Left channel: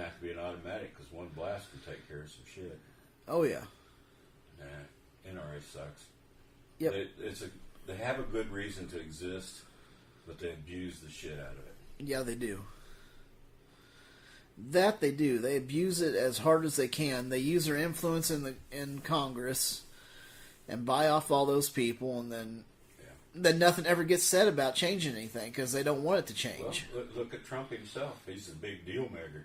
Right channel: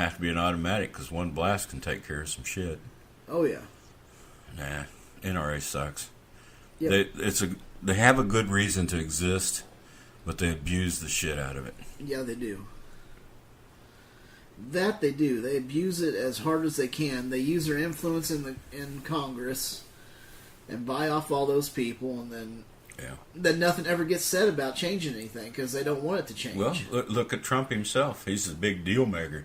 Have to be an automatic because one blast can take care of some shit. Oh yeah. Nah, NRA sucks. Yep. They have a good reason to exist, but they abuse the shit out of it. Yeah, they do. That they do. They abuse it as hard as they can. They use their influence in Congress and buy off all those people, and then nothing ever gets said about changing anything because they don't want it to change. Well, look at Trump himself. He's a big deal maker.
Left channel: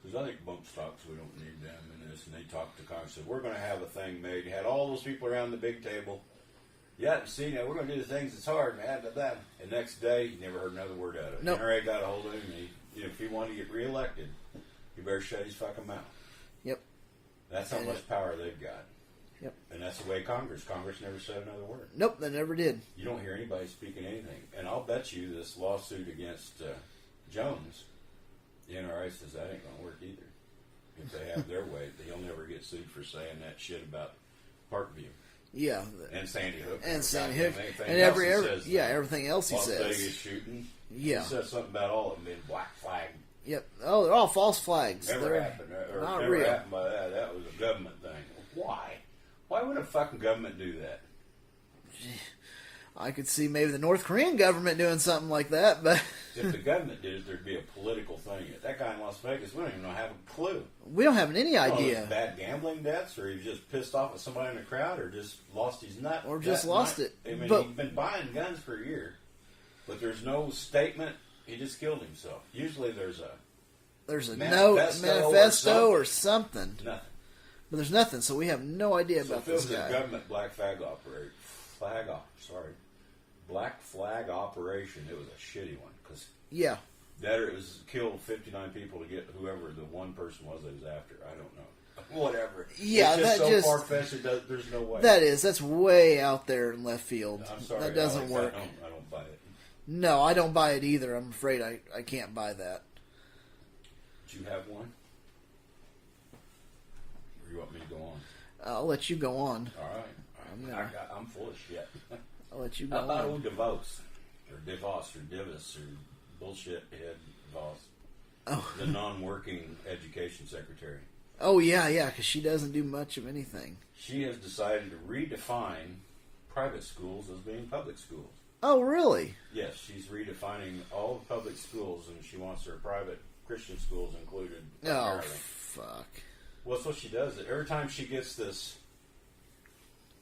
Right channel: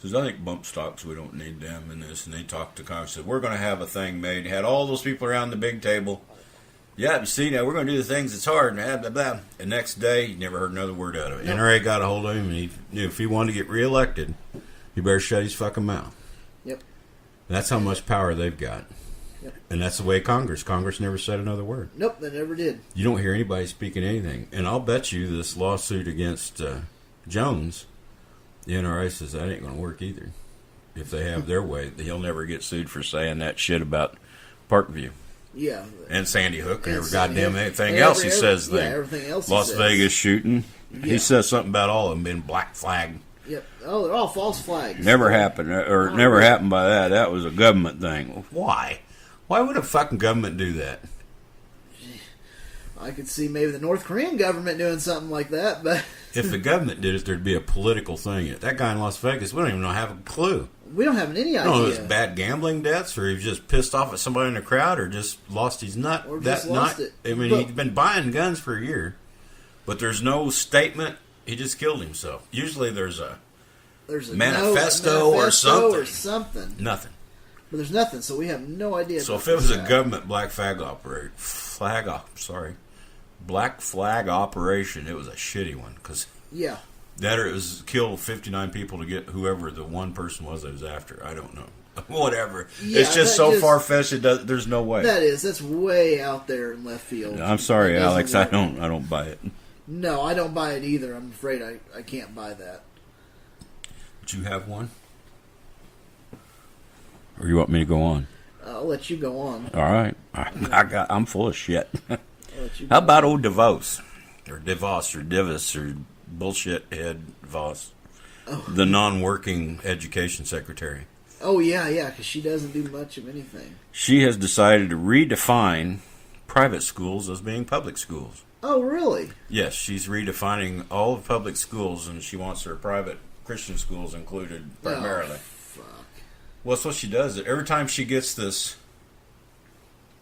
He says, I think bump stocks, we don't need them in this. And they talked to Congress, said, we're going to have a thing made. Had all those people around the big table. Yeah, you see, now we're going to do the things that's hard. And blah, blah, blah. The next day, you never heard another word out of it. Nope. NRA got a hold of him, and he knew if he wanted to get reelected, he better shut his fucking mouth. Yep. And that's how much power they've got. Yep. And that's the way Congress never said another word. Nope, they never did. You don't hear anybody speaking anything. And I'll bet you this lawsuit against Jones, the NRA says that ain't going to work either. If they have their way, he'll never get sued for saying that shit about Parkview. Yeah. And Sandy Hook and every goddamn anything else he says. Yeah, everything else he Las says. Vegas shooting. Yeah. He says something about all of them being black flag. Yep. Oh, they're all false flags. Never happened. Or never happened by that. That was a government thing. Why? Why would a fucking government do that? I could see maybe the North Korean government doing something like that, but... If the government did it, there'd be a political thing. That guy in Las Vegas, we don't even have a clue. We don't have any idea. No, it was bad gambling debts, or he was just pissed off at somebody in the crowd, or just lost his nut. Or just lost it. I mean, he'd been buying guns for a year, but there's no statement. He just killed himself. Usually there's a manifesto or something. Nothing. But there's nothing, so we have no idea. So if it was a government black flag operation, it was a shitty one, because that or it was kill 59 people to get whoever the one person was that was after. I don't know. Whatever. Yeah, it's just so far fetched. There's no way. That's way out there in left field. I'm sorry, Alex. I don't buy it. No, I don't buy it either. I'm afraid I can't buy that. But you have one? Or you want me to go on? I'll let you go on. All right. I'm full of shit. How about old DeVos? Or DeVos or Divis or bullshit head Voss. Oh. The non-working education secretary. Oh, yeah, because she doesn't do much of anything. She has decided to redefine private schools as being public schools. Oh, really? Yes, she's redefining all of public schools, and she wants her private Christian schools included primarily. Oh, fuck. Well, that's what she does. Every time she gets this,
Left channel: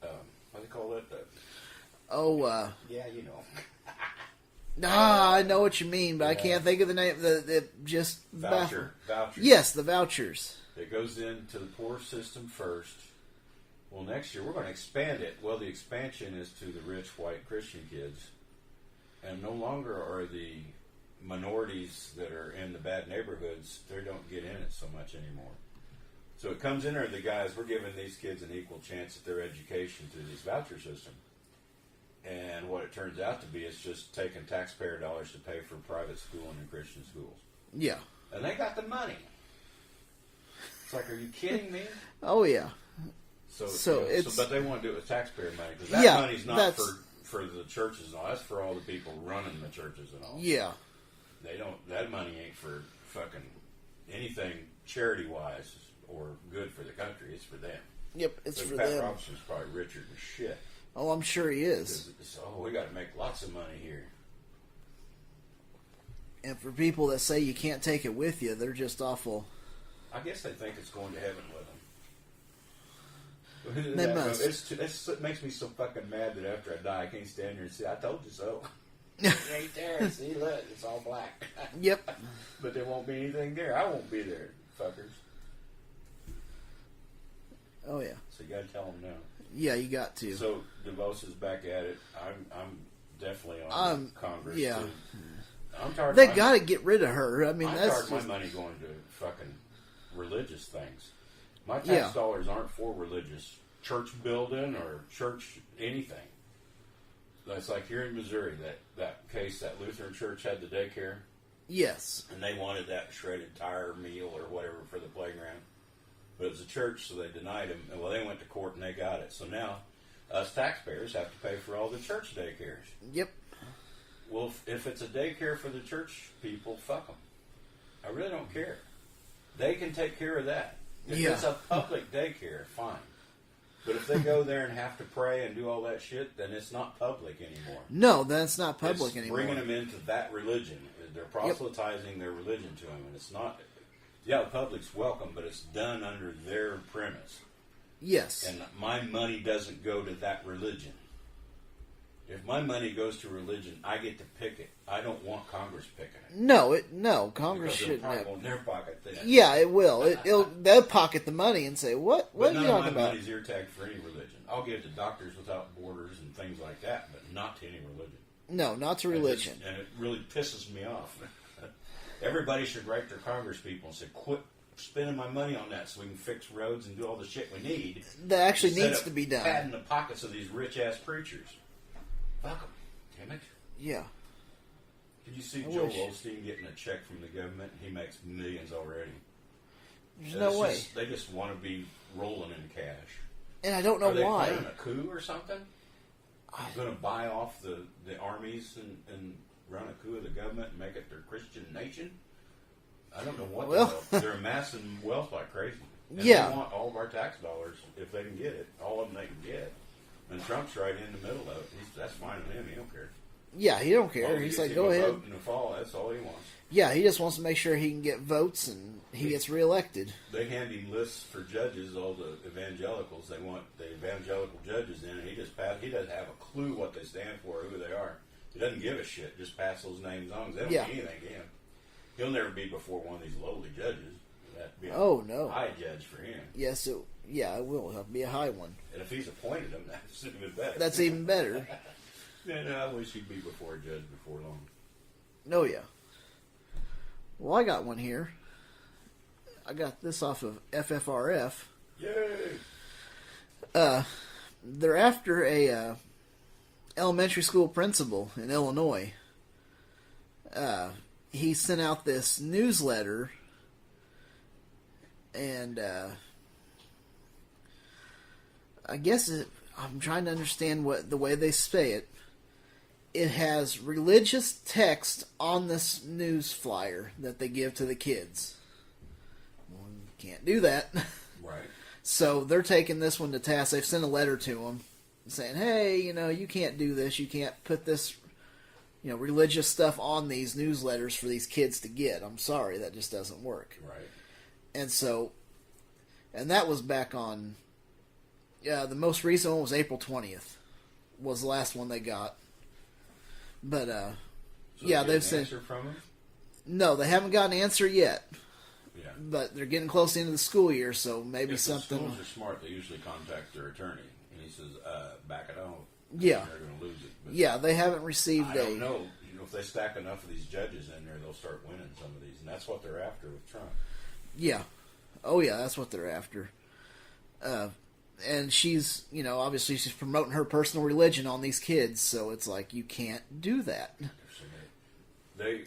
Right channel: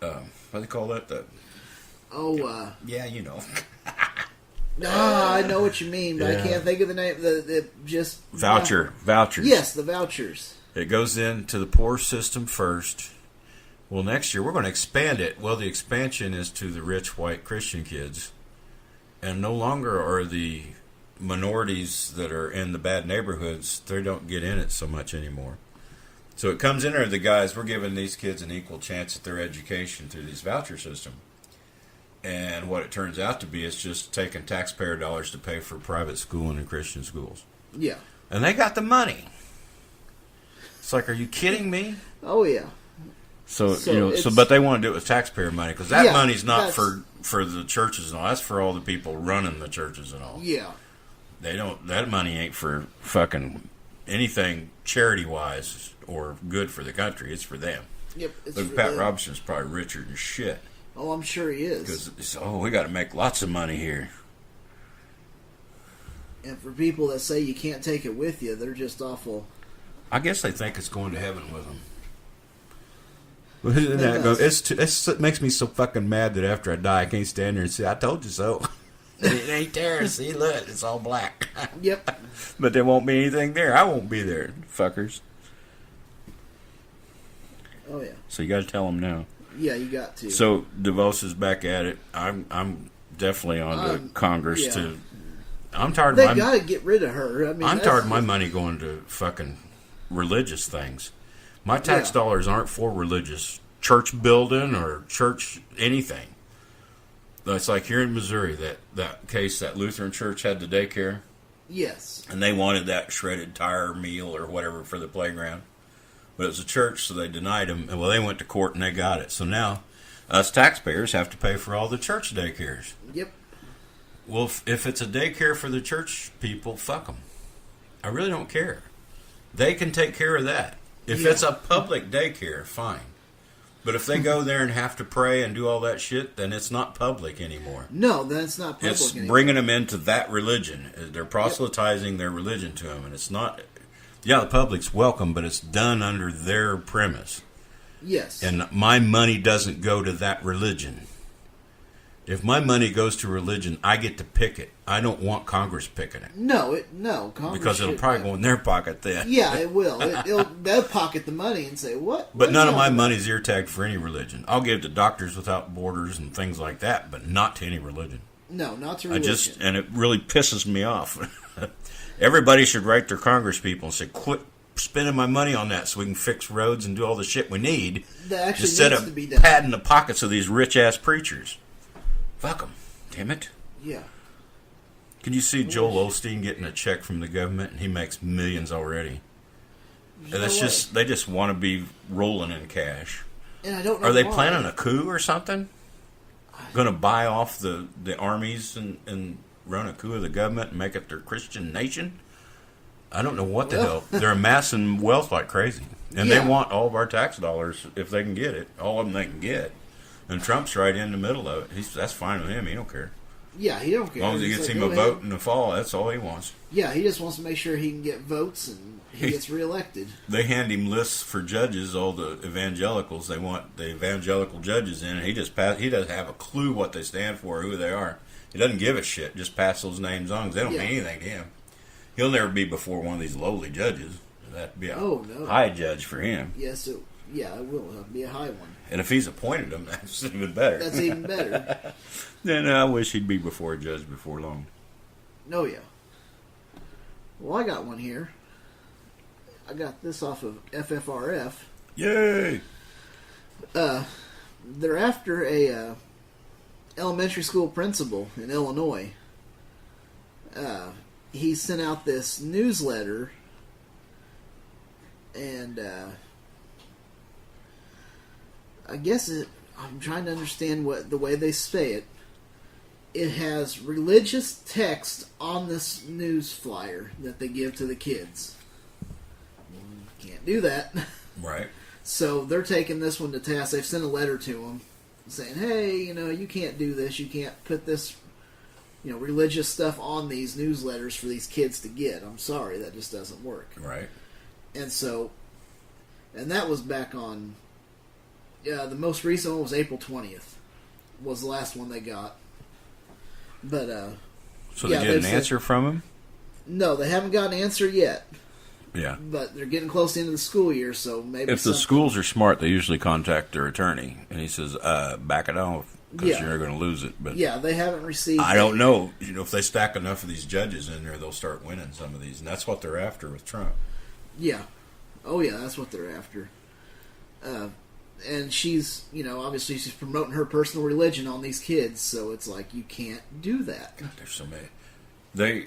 what do they call that? Yeah, you know. No, I know what you mean, but I can't think of the name. Vouchers. Yes, the vouchers. It goes into the poor system first. Well, next year we're going to expand it. Well, the expansion is to the rich white Christian kids, and no longer are the minorities that are in the bad neighborhoods. They don't get in it so much anymore. So it comes in there, the guys, we're giving these kids an equal chance at their education through this voucher system. And what it turns out to be is just taking taxpayer dollars to pay for private schooling and Christian schools. Yeah. And they got the money. It's like, are you kidding me? Oh, yeah. But they want to do it with taxpayer money, because that money's not for the churches and all. That's for all the people running the churches and all. Yeah. That money ain't for fucking anything charity-wise or good for the country. It's for them. Yep. Look, Pat Robinson's probably richer than shit. Oh, I'm sure he is. Because, we got to make lots of money here. And for people that say you can't take it with you, they're just awful. I guess they think it's going to heaven with them. It makes me so fucking mad that after I die, I can't stand there and say, I told you so. It ain't there. See, look, it's all black. Yep. But there won't be anything there. I won't be there, fuckers. Oh, yeah. So you got to tell them now. Yeah, you got to. So DeVos is back at it. I'm definitely on to Congress to. I'm tired. They got to get rid of her. I mean, I'm tired of my money going to fucking religious things. My tax dollars aren't for religious church building or church anything. It's like here in Missouri, that case, that Lutheran church had the daycare. Yes. And they wanted that shredded tire meal or whatever for the playground. But it was a church, so they denied them. And, well, they went to court and they got it. So now us taxpayers have to pay for all the church daycares. Yep. Well, if it's a daycare for the church people, fuck them. I really don't care. They can take care of that. If it's a public daycare, fine. But if they go there and have to pray and do all that shit, then it's not public anymore. No, that's not public it's anymore. Bringing them into that religion. They're proselytizing their religion to them, and it's not. Yeah, the public's welcome, but it's done under their premise. Yes. And my money doesn't go to that religion. If my money goes to religion, I get to pick it. I don't want Congress picking it. No, Congress because it'll probably go in their pocket then. Yeah, it will. They'll pocket the money and say, "What?" But none of my money's ear tagged for any religion. I'll give to Doctors Without Borders and things like that, but not to any religion. No, not to religion. And it really pisses me off. Everybody should write their Congress people and say, "Quit spending my money on that, so we can fix roads and do all the shit we need." That actually instead needs of to be done. padding the pockets of these rich ass preachers. Fuck them, damn it. Yeah. Can you see Joel Osteen getting a check from the government, and he makes millions already? And that's they just want to be rolling in cash. And I don't know. Are they why. planning a coup or something? Going to buy off the armies and run a coup of the government and make it their Christian nation? I don't know what the hell. They're amassing wealth like crazy. And they want all of our tax dollars if they can get it. All of them they can get. And Trump's right in the middle of it. That's fine with him. He don't care. Yeah, he don't care. As long as he gets him a vote in the fall, that's all he wants. Yeah, he just wants to make sure he can get votes and he gets reelected. They hand him lists for judges, all the evangelicals. They want the evangelical judges in, and he doesn't have a clue what they stand for, who they are. He doesn't give a shit. Just pass those names on because they don't mean anything to him. He'll never be before one of these lowly judges. That'd be a high judge for him. Yes, it will be a high one. And if he's appointed him, that's even better. That's even better. Then I wish he'd be before a judge before long. Oh, yeah. Well, I got one here. I got this off of FFRF. Yay! They're after a elementary school principal in Illinois. He sent out this newsletter, and I guess I'm trying to understand the way they say it. It has religious text on this news flyer that they give to the kids. Can't do that. Right. So they're taking this one to task. They've sent a letter to them saying, hey, you can't do this. You can't put this, religious stuff on these newsletters for these kids to get. I'm sorry, that just doesn't work. Right. And that was back on, the most recent one was April 20th, was the last one they got. But, so they get an answer from him? No, they haven't got an answer yet. Yeah. But they're getting close into the school year, so maybe if the schools are smart, they usually contact their attorney, and he says, back it off, because you're going to lose it. But yeah, they haven't received... I don't know. If they stack enough of these judges in there, they'll start winning some of these, and that's what they're after with Trump. Yeah. Oh, yeah, that's what they're after. And she's, obviously she's promoting her personal religion on these kids, so it's like, you can't do that. God, there's so many.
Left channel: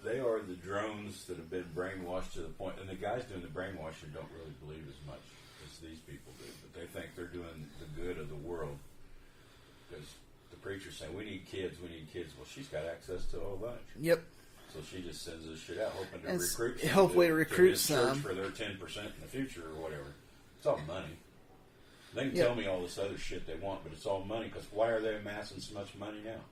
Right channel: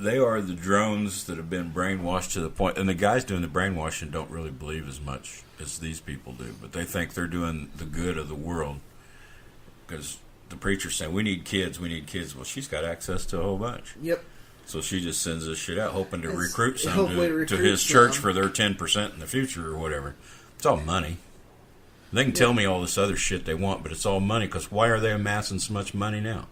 They are the drones that have been brainwashed to the point, and the guys doing the brainwashing don't really believe as much as these people do, but they think they're doing the good of the world because the preacher's saying, we need kids. Well, she's got access to a whole bunch. Yep. So she just sends this shit out, hoping to recruit some to his some. church for their 10% in the future or whatever. It's all money. They can tell me all this other shit they want, but it's all money, because why are they amassing so much money now?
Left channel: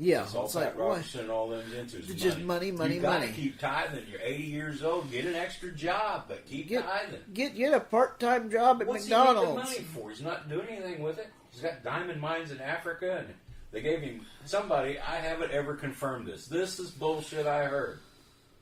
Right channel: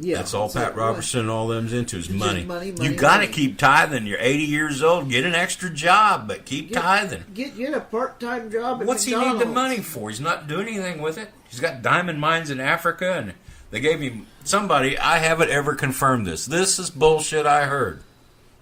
Yeah, that's all Pat Robertson and all them's into is money. Money, you got to keep tithing. You're 80 years old. Get an extra job, but keep tithing. Get a part-time job at What's McDonald's. He need the money for? He's not doing anything with it. He's got diamond mines in Africa, and they gave him somebody. I haven't ever confirmed this. This is bullshit. I heard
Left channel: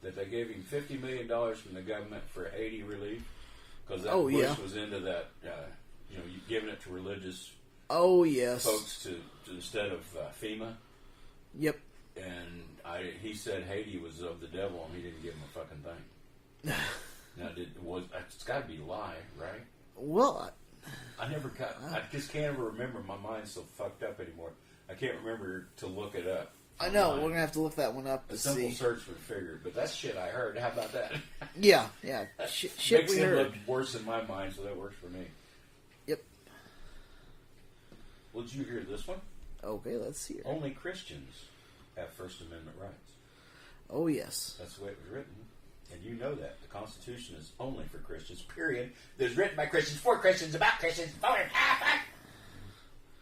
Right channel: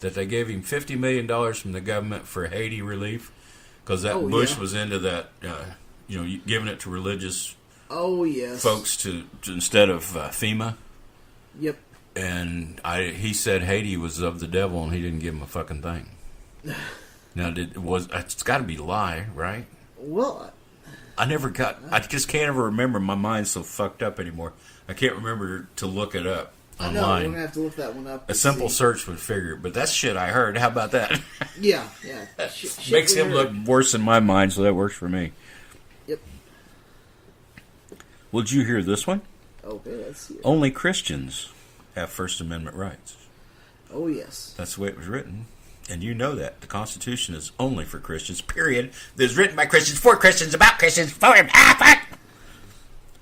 that they gave him $50 million from the government for Haiti relief because Bush was into that. Giving it to religious. Oh yes. Folks to instead of FEMA. Yep. And he said Haiti was of the devil, and he didn't give him a fucking thing. Now, it's got to be a lie, right? Well, I just can't ever remember. My mind's so fucked up anymore. I can't remember to look it up online. I know, we're going to have to look that one up. A simple search would figure it, but that's shit I heard. How about that? Yeah. Shit makes him look worse in my mind, so that works for me. Yep. Well, did you hear this one? Okay, let's see it. Only Christians have First Amendment rights. Oh, yes. That's the way it was written. And you know that. The Constitution is only for Christians, period. It was written by Christians, for Christians, about Christians, for him. Fuck!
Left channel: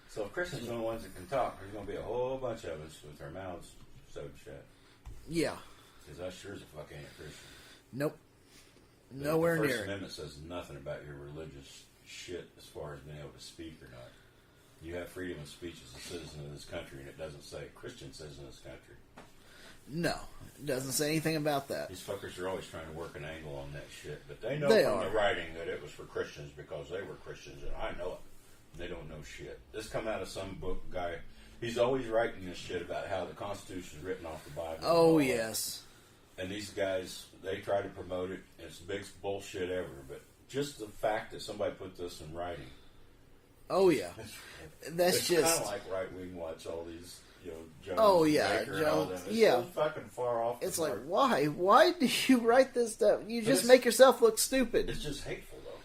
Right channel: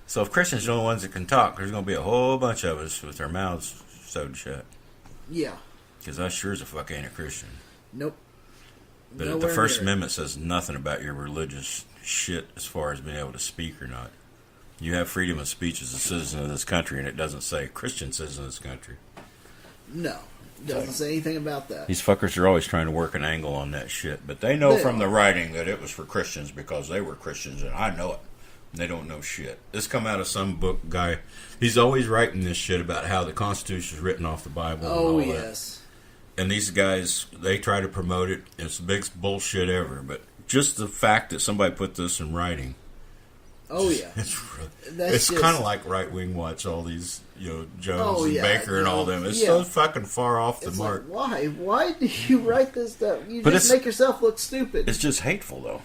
So if Christians are the only ones that can talk, there's going to be a whole bunch of us with their mouths sewed shut. Yeah. Because I sure as a fuck ain't a Christian. Nope. But the First Amendment says nothing about your religious shit as far as being able to speak or not. You have freedom of speech as a citizen of this country, and it doesn't say Christian citizen of this country. No. It doesn't say anything about that. These fuckers are always trying to work an angle on that shit. But they know from the writing that it was for Christians because they were Christians, and I know it. They don't know shit. This come out of some book guy. He's always writing this shit about how the Constitution is written off the Bible. Oh, and all yes. That. And these guys, they try to promote it. It's the biggest bullshit ever. But just the fact that somebody put this in writing. Oh, yeah. It's kind of like right-wing watch, all these, Jones and Baker and all them. It's so fucking far off the mark. Like, why do you write this stuff? You just make yourself look stupid. It's just hateful, though.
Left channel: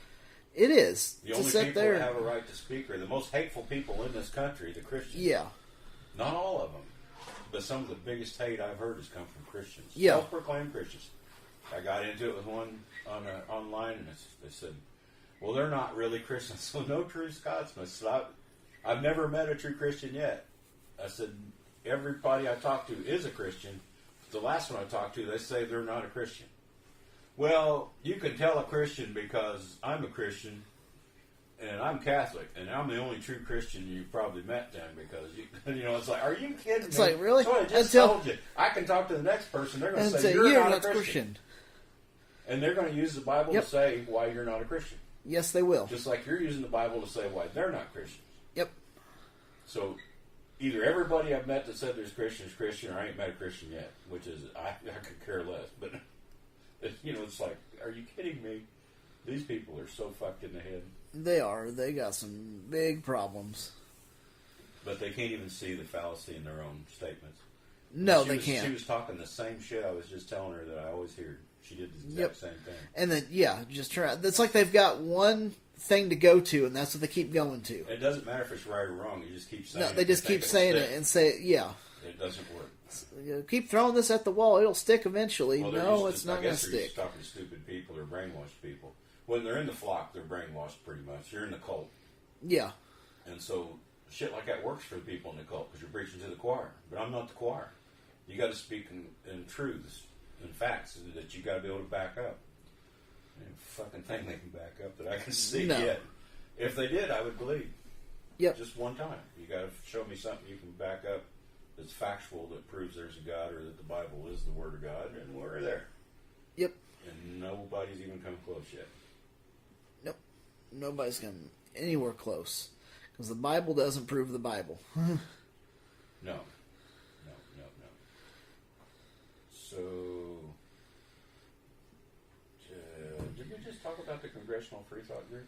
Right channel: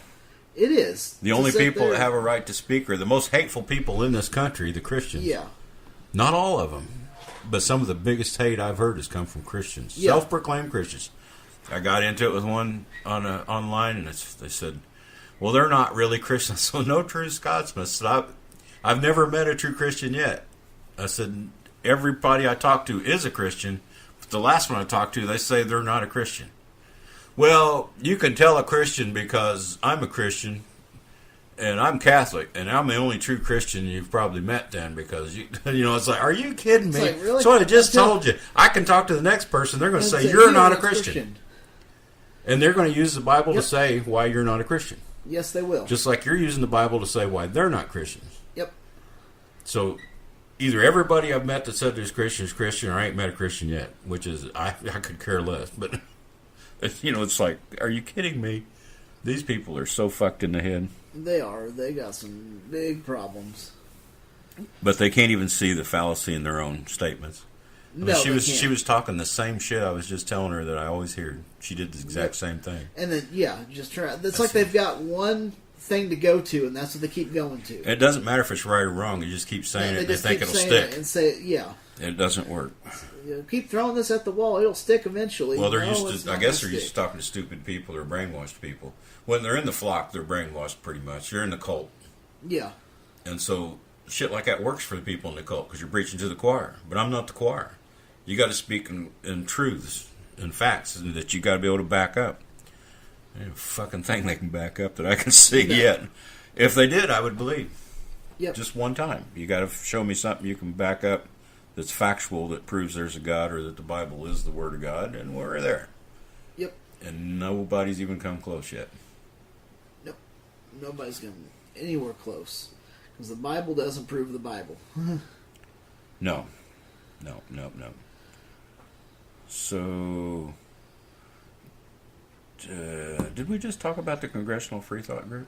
It is. The only people that have a right to speak are the most hateful people in this country, the Christians. Yeah. Not all of them, but some of the biggest hate I've heard has come from Christians. Yeah. Self-proclaimed Christians. I got into it with one online, and they said, well, they're not really Christians. So no true Scotsman. I said, I've never met a true Christian yet. I said, everybody I talk to is a Christian, but the last one I talked to, they say they're not a Christian. Well, you can tell a Christian because I'm a Christian and I'm Catholic and I'm the only true Christian you've probably met then because, it's like, are you kidding me? Like, really? So I just told you. I can talk to the next person. They're going to say, you're not a Christian. And they're going to use the Bible to say why you're not a Christian. Yes, they will. Just like you're using the Bible to say why they're not Christians. Yep. So either everybody I've met that said there's Christian is Christian or I ain't met a Christian yet, which is, I could care less. But, it's like, are you kidding me? These people are so fucked in the head. They are. They got some big problems. But they can't even see the fallacy in their own statements. She was talking the same shit I was just telling her that I always hear. She did the exact same thing. And then, just try. It's like they've got one thing to go to, and that's what they keep going to. It doesn't matter if it's right or wrong. You just keep saying it, and they think it'll stick. And say, it doesn't work. Keep throwing this at the wall; it'll stick eventually. Well, they're used to. I guess they're used to talking to stupid people or brainwashed people. When they're in the flock, they're brainwashed pretty much. You're in the cult. Yeah. And so shit like that works for the people in the cult because you're preaching to the choir. But I'm not the choir. You got to speak in truths and facts that you got to be able to back up. Ain't a fucking thing they can back up that I can see yet. If they did, I would believe. Yep. Just one time. You got to show me something you can back up that's factual that proves there's a God or that the Bible is the Word of God, and we're there. Yep. And nobody's even come close yet. Nope. Nobody's come anywhere close. Because the Bible doesn't prove the Bible. No. So, did we just talk about the Congressional Free Thought Group?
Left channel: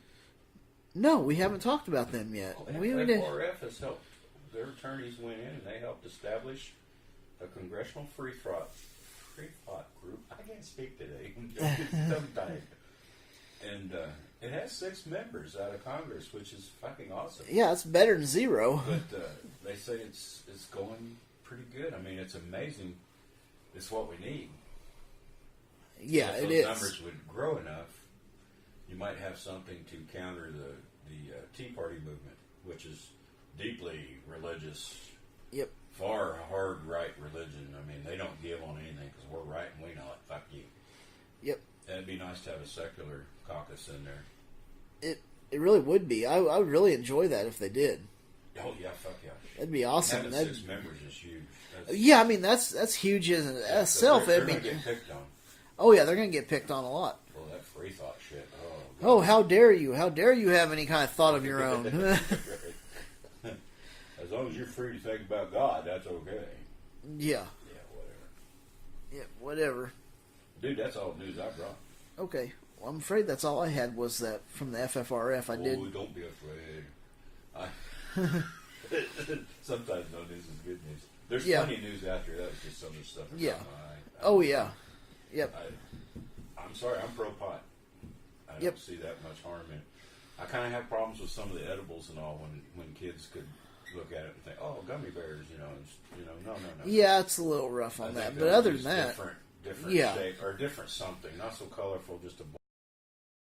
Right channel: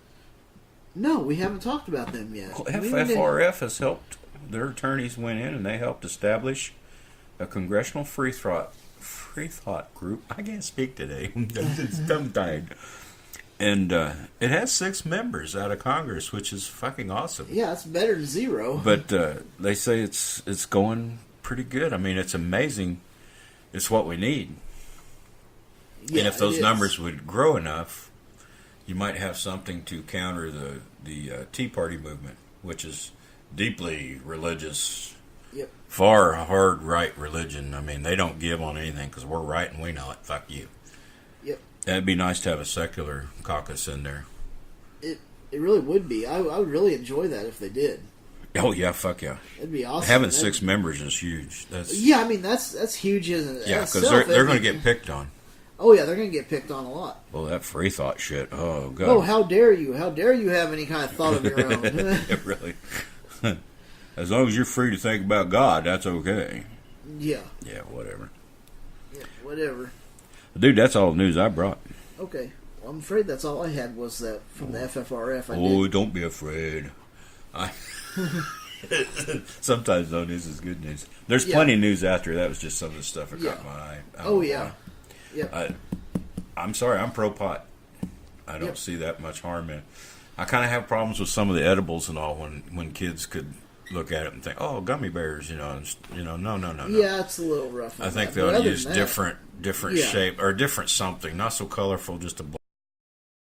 No, we haven't talked about them yet. Well, FFRF has helped. Their attorneys went in and they helped establish a Congressional Free Thought Group. I can't speak today. It's tongue-tied. And it has 6 members out of Congress, which is fucking awesome. Yeah, it's better than 0. But they say it's going pretty good. I mean, it's amazing. It's what we need. Yeah, and if those numbers would grow enough, you might have something to counter the Tea Party movement, which is deeply religious. Yep. Far hard right religion. I mean, they don't give on anything because we're right and we know it. Fuck you. Yep. It'd be nice to have a secular caucus in there. It really would be. I would really enjoy that if they did. Oh yeah, fuck yeah. That'd be awesome. Having 6 members is huge. I mean that's huge, isn't it? Yeah, because they're going to get picked on. Oh yeah, they're going to get picked on a lot. Well, that free thought shit. Oh god. Oh, how dare you? How dare you have any kind of thought of your own? Really. As long as you're free to think about God, that's okay. Yeah. Yeah, whatever. Yeah, whatever. Dude, that's all the news I brought. Okay. Well, I'm afraid that's all I had was that from the FFRF. Don't be afraid. Sometimes no news is good news. There's plenty of news after. That was just some of the stuff that caught my eye. Oh, yeah. Yep. I'm sorry. I'm pro-pot. I don't see that much harm in it. I kind of have problems with some of the edibles and all when kids could look at it and think, oh, gummy bears, no. Yeah, it's a little rough. I think they'll use different Yeah. shape or different something, not so colorful, just a